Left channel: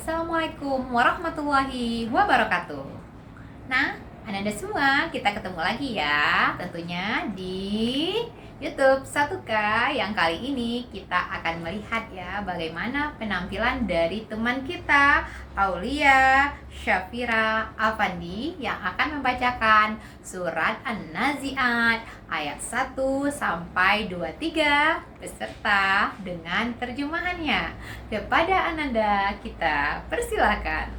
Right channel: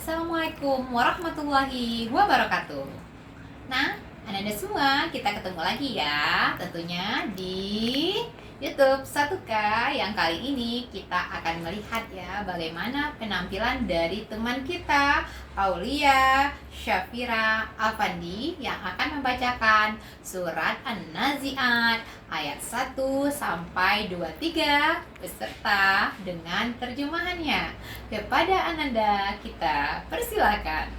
Assalamualaikum warahmatullahi wabarakatuh. Nah, Anda semua, kita ketemu lagi ya, tentunya di YouTube 1K yang kali ini kita akan melihat ya bagaimana penampilan dari teman kita Aulia Syafira Afandi yang akan membacakan surat An-Nazi'at ayat 1 sampai 23 beserta dengan terjemahannya. Kepada Ananda kita persilakan.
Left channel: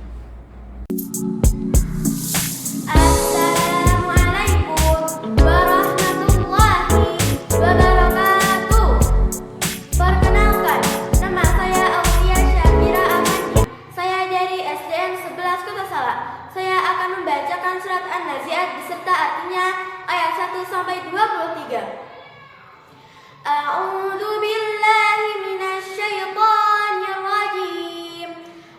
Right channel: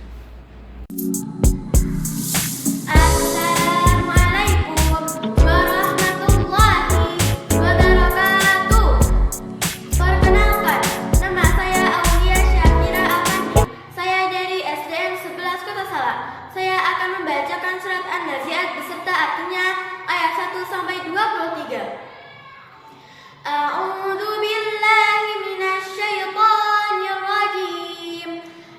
Assalamualaikum warahmatullahi wabarakatuh. Perkenalkan, nama saya Aulia Syafira Afandi. Saya dari SDN 11 Kota Salak. Saya akan membacakan surat An-Nazi'at beserta artinya ayat 1 sampai 23. A'udzu billahi minasyaitonir rajim.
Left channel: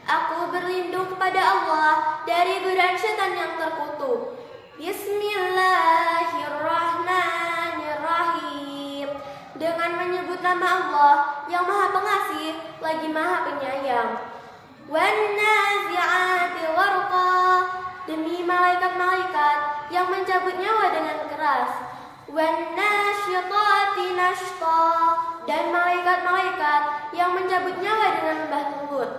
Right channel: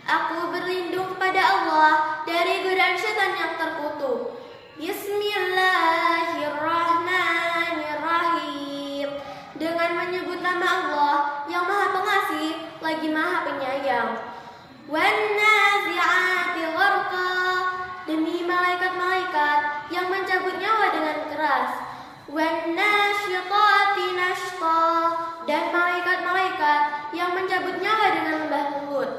Aku berlindung kepada Allah dari godaan setan yang terkutuk. Bismillahirrahmanirrahim. Dengan menyebut nama Allah yang Maha Pengasih lagi Maha Penyayang. Wan-nazi'ati gharqa. Demi malaikat-malaikat yang mencabut nyawa dengan keras. Wan-nasyitati nashta. Dan malaikat-malaikat yang mencabut nyawa dengan lembah lembut.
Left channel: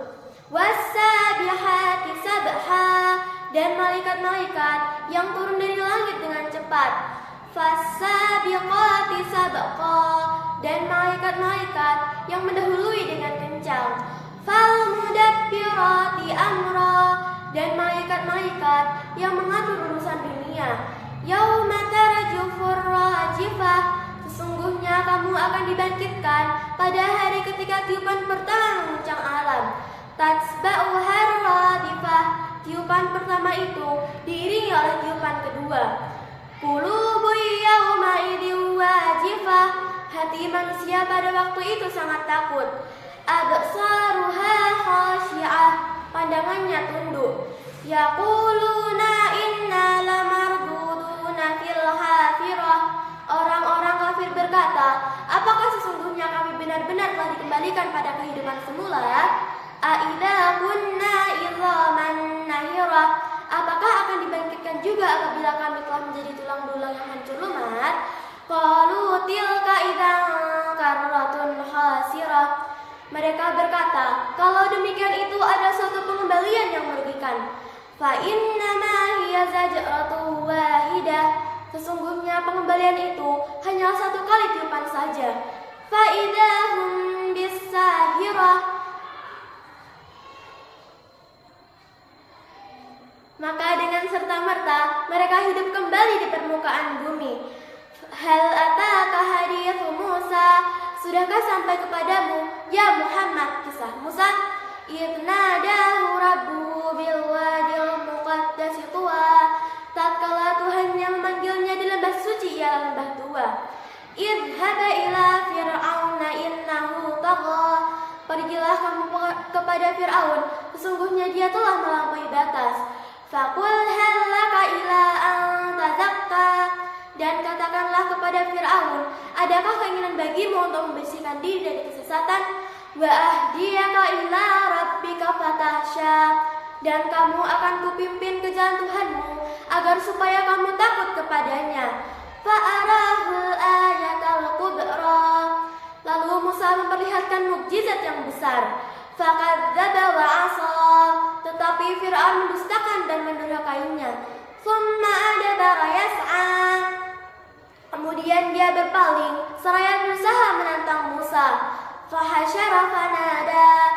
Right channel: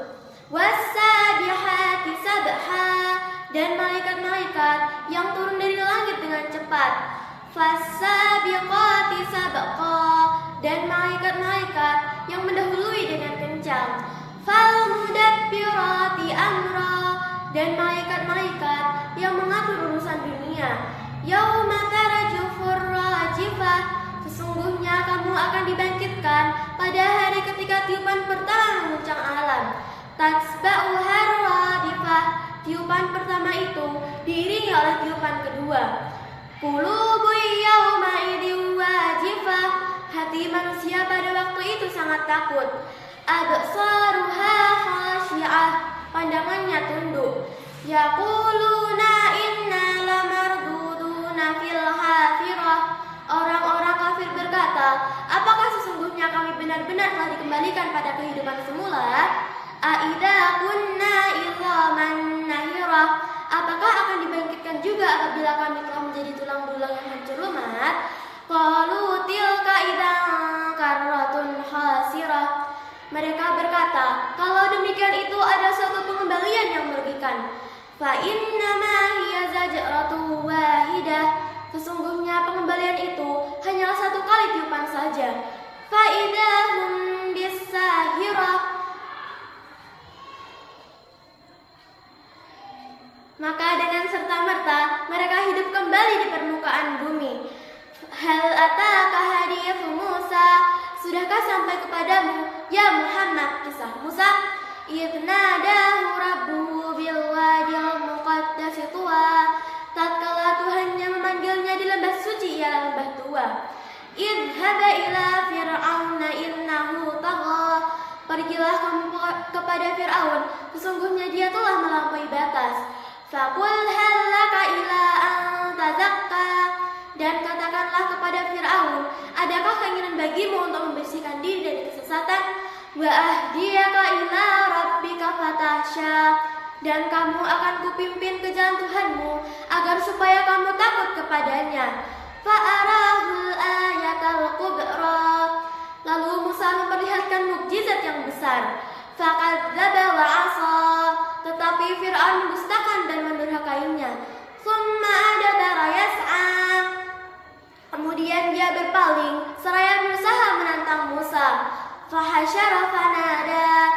Was-sabihati sabha. Dan malaikat-malaikat yang turun dari langit dengan cepat. Fas-sabiqati sabqa. Dan malaikat-malaikat yang mendahului dengan kencang. Fal-mudabbirati amra. Dan malaikat-malaikat yang mengatur urusan dunia. Yauma tarjufur rajifah. Sesungguhnya kamu akan dibangkitkan pada hari ketika tiupan pertama menguncang alam. Tatsba'uhar radifah. Tiupan pertama itu diiringi oleh tiupan kedua. Qulubu yauma idin wajifah. Hati manusia pada waktu itu sangat takut. Absaruha khasyi'ah. Pandangannya tunduk. Yaquluna inna lamarduduna fil hafirah. Orang-orang kafir berkata, apakah sesungguhnya kami benar-benar telah dikembalikan pada kehidupan semula? Aidza kunna idzaman nahirah. Apakah akan dibangkitkan juga apabila kami telah menjadi tulang belulang yang hancur lumat? Qalu tilka idzan karratun khasirah. Mereka berkata, kalau demikian itu ada suatu pengembalian yang merugikan. Fa innama hiya zajratun wahidah. Sesungguhnya pengembalian itu hanya satu kali tiupan saja. Fa idahum bisahirah. Maka dengan serta-merta mereka hidup kembali di permukaan bumi. Hal ataka hadithu Musa. Sudahkah sampai kepadamu, ya Muhammad, kisah Musa? Idnadahu rabbuhu bil wadil muqaddasi tuwa. Tatkala Tuhannya memanggilnya di lembah suci ialah lembah tua. Idhaba ila fir'auna innahu tagha. Pergilah kamu kepada Fir'aun, sesungguhnya dia telah melampaui batas. Faqul hal laka ila an tazakka. Dan katakanlah kepada Fir'aun, adakah keinginan bagimu untuk membersihkan diri dari kesesatan? Wa ahdiyaka ila rabbika fatahsya. Dan kamu akan kupimpin ke jalan Tuhanmu agar supaya kamu takut kepadanya. Fa'arahul ayatal kubra. Lalu Musa memperlihatkan mukjizat yang besar. Fakadzdzaba wa 'asa. Tetapi Fir'aun mendustakan dan mendurhakainya. Tsumma adbara yas'a. Kemudian dia berpaling seraya berusaha menantang Musa. Fahasyara fanada.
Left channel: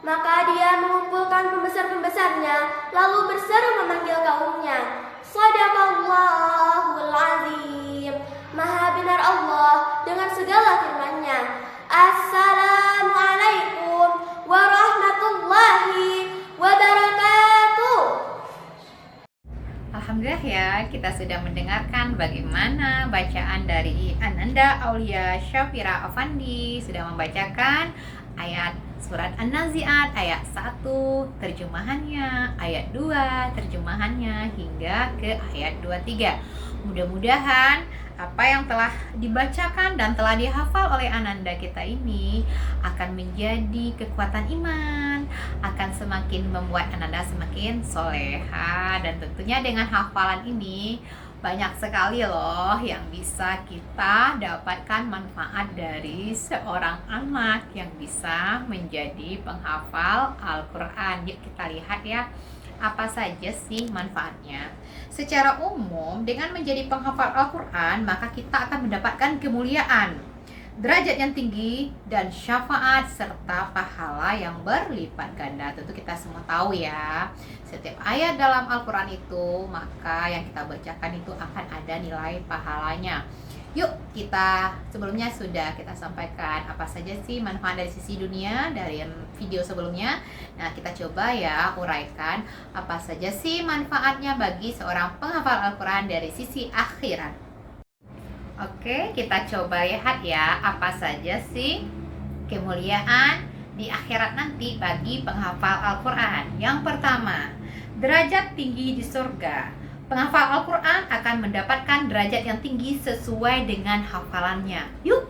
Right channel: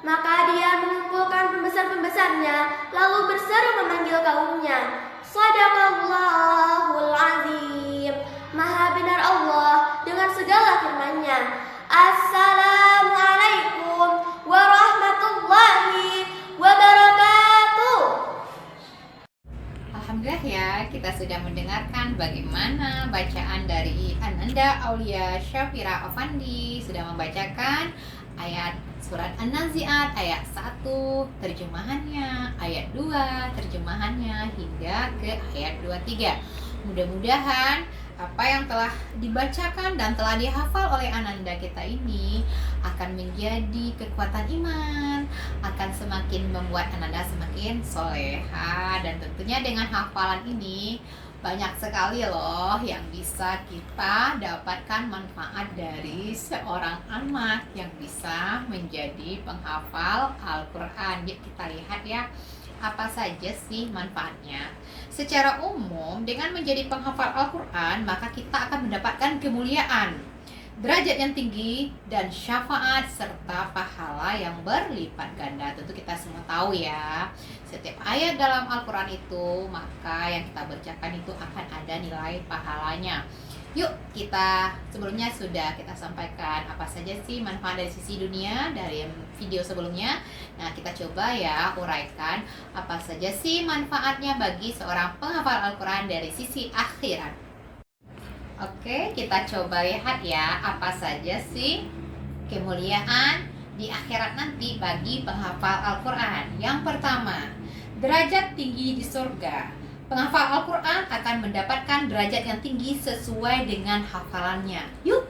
Maka dia mengumpulkan pembesar-pembesarnya lalu berseru memanggil kaumnya. Shadaqallahul azim. Maha benar Allah dengan segala firman-Nya. Assalamualaikum warahmatullahi wabarakatuh. Alhamdulillah ya, kita sudah mendengarkan bagaimana bacaan dari Ananda Aulia Syafira Afandi sudah membacakan ayat surat An-Nazi'at ayat 1 terjemahannya, ayat 2 terjemahannya hingga ke ayat 23. Mudah-mudahan apa yang telah dibacakan dan telah dihafal oleh Ananda kita ini akan menjadi kekuatan iman, akan semakin membuat Ananda semakin soleha. Dan tentunya dengan hafalan ini banyak sekali loh yang bisa kita dapatkan manfaat dari seorang anak yang bisa menjadi penghafal Al-Quran. Yuk kita lihat ya, apa saja sih manfaatnya. Secara umum, dengan menjadi penghafal Al-Quran, maka kita akan mendapatkan kemuliaan, derajat yang tinggi, dan syafaat serta pahala yang berlipat ganda. Tentu kita semua tahu ya, setiap ayat dalam Al-Quran itu, maka yang kita bacakan itu akan ada nilai pahalanya. Yuk, kita sebelumnya sudah kita sampaikan apa saja sih manfaat dari sisi dunia dari video sebelumnya. Nah, kita coba ya uraikan apa saja sih manfaatnya bagi seorang penghafal Al-Quran dari sisi akhirat. Oke, kita coba lihat ya apa saja sih kemuliaan di akhirat nanti bagi penghafal Al-Quran. Yang pertama, derajat tinggi di surga. Penghafal Al-Quran akan mendapatkan derajat yang tinggi sesuai dengan hafalannya. Yuk,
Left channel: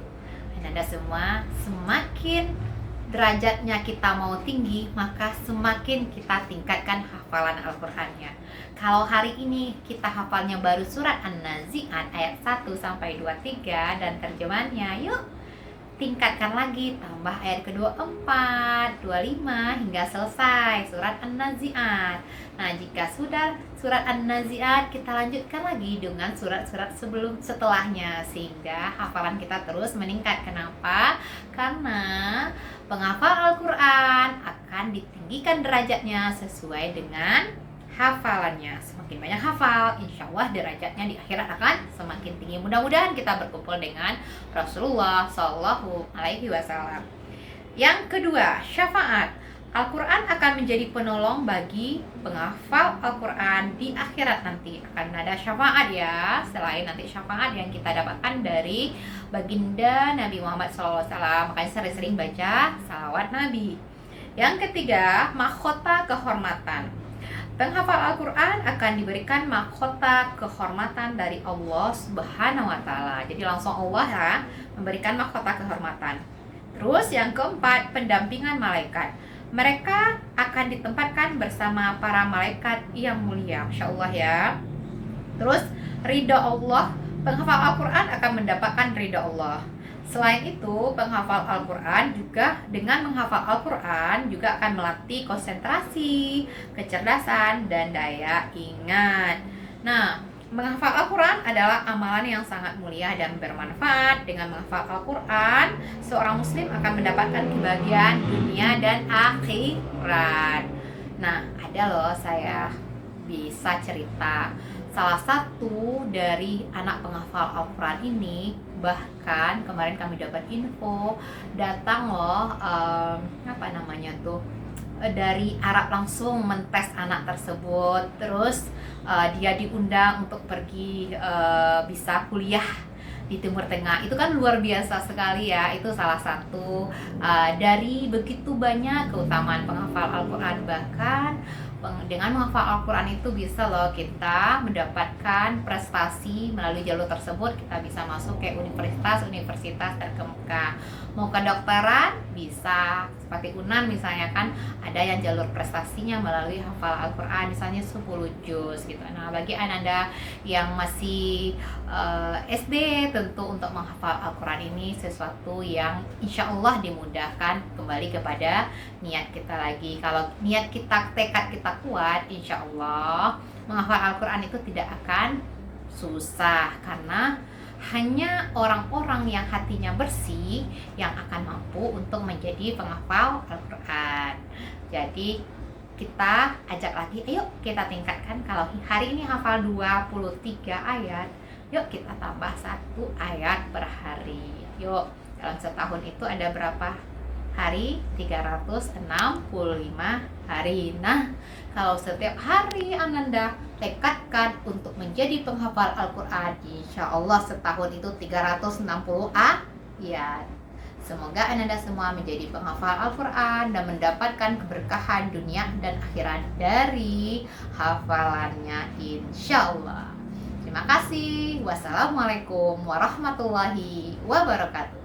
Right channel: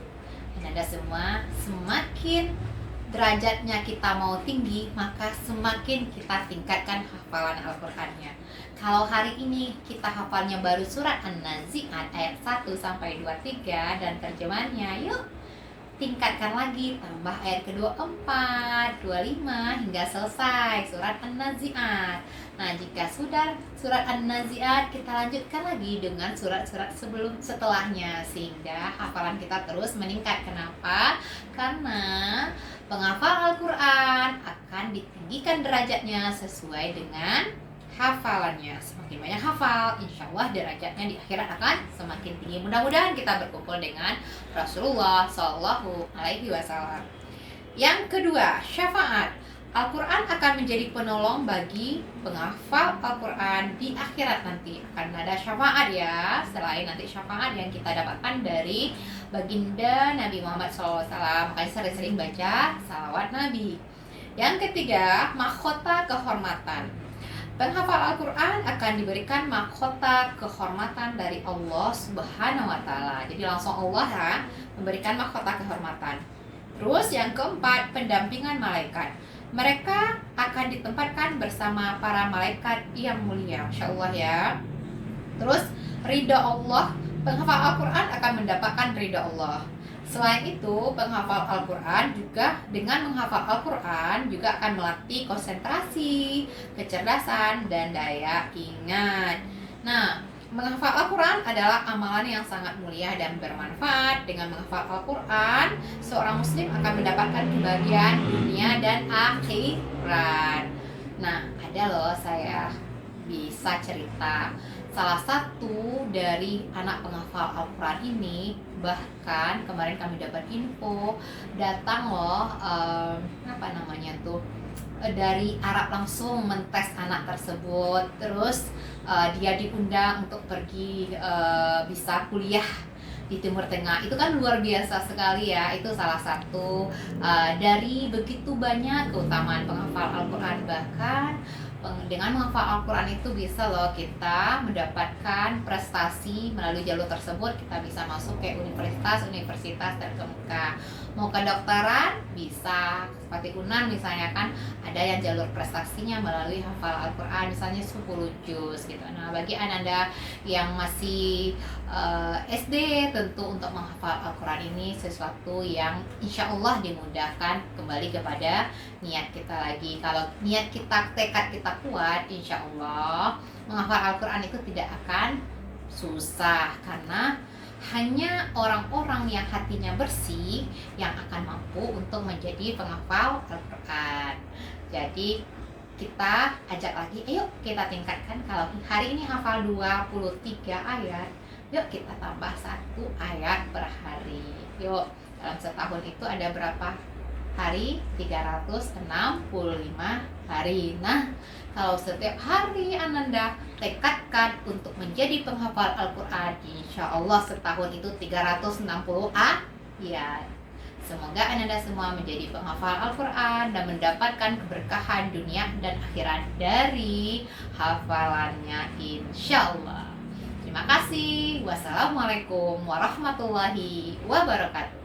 Anda semua, semakin derajatnya kita mau tinggi, maka semakin kita tingkatkan hafalan Al-Qurannya. Kalau hari ini kita hafalnya baru surat An-Nazi'at ayat 1-23 dan terjemahannya, yuk tingkatkan lagi, tambah ayat ke-24, 25 hingga selesai surat An-Nazi'at. Nah, jika sudah surat An-Nazi'at, kita lanjutkan lagi dengan surat-surat setelahnya sehingga hafalan kita terus meningkat. Kenapa? Karena penghafal Al-Quran akan ditinggikan derajatnya sesuai dengan hafalannya. Semakin banyak hafal, insya Allah derajatnya di akhirat akan semakin tinggi. Mudah-mudahan kita berkumpul dengan Rasulullah Shallallahu Alaihi Wasallam. Yang kedua, syafaat. Al-Quran akan menjadi penolong bagi penghafal Al-Quran di akhirat nanti. Akan ada syafaat ya, selain nanti syafaat yang kita dapatkan dari baginda Nabi Muhammad SAW. Makanya sering-sering baca salawat Nabi. Yang ketiga, mahkota kehormatan. Penghafal Al-Quran akan diberikan mahkota kehormatan dari Allah Subhanahu wa Ta'ala. Jadi langsung Allah ya memberikan mahkota kehormatan. Terus yang keempat, pendampingan malaikat. Mereka akan ditempatkan bersama para malaikat yang mulia. Masya Allah ya. Terus ridha Allah. Penghafal Al-Quran akan mendapatkan ridha Allah. Selain itu, penghafal Al-Quran juga dengan menghafal Al-Quran juga akan melatih konsentrasi, kecerdasan, dan daya ingat. Nah, menghafal Al-Quran adalah amalan yang sangat mulia dan bermanfaat. Dengan menghafal Al-Quran, seorang muslim akan mendapatkan kebahagiaan dunia dan akhirat. Nah, ada loh saya bisa cerita. Salah satu dari anak penghafal Al-Quran ini, bahkan kemarin kami dapat info, datang loh dari Arab langsung mentes anak tersebut. Terus dia diundang untuk pergi bisa kuliah di Timur Tengah. Itu kan luar biasa sekali ya. Itu salah satu dari begitu banyak keutamaan penghafal Al-Quran. Bahkan dengan menghafal Al-Quran itu bisa loh kita mendapatkan prestasi melalui jalur tersebut. Kita bisa masuk ke universitas terkemuka. Mau kedokteran bisa, seperti UNAN misalnya kan ada yang jalur prestasinya melalui hafal Al-Quran, misalnya 10 juz gitu. Nah, bagi Ananda yang masih SD, tentu untuk menghafal Al-Quran ini sesuatu yang insya Allah dimudahkan, kembali kepada niat kita lagi. Kalau niat kita, tekad kita kuat, insya Allah menghafal Al-Quran itu tidak akan susah, karena hanya orang-orang yang hatinya bersih yang akan mampu untuk menjadi penghafal Al-Quran. Jadi kita ajak lagi, ayo kita tingkatkan. Kalau hari ini hafal 23 ayat, yuk kita tambah 1 ayat per hari. Yuk, dalam setahun itu ada berapa hari? 365 hari. Nah, kalau setiap hari Ananda tekadkan untuk menjadi penghafal Al-Quran, insya Allah setahun itu 360 ayat. Semoga Ananda semua menjadi penghafal Al-Quran dan mendapatkan keberkahan dunia dan akhirat dari hafalannya, insya Allah. Terima kasih. Wassalamualaikum warahmatullahi wabarakatuh.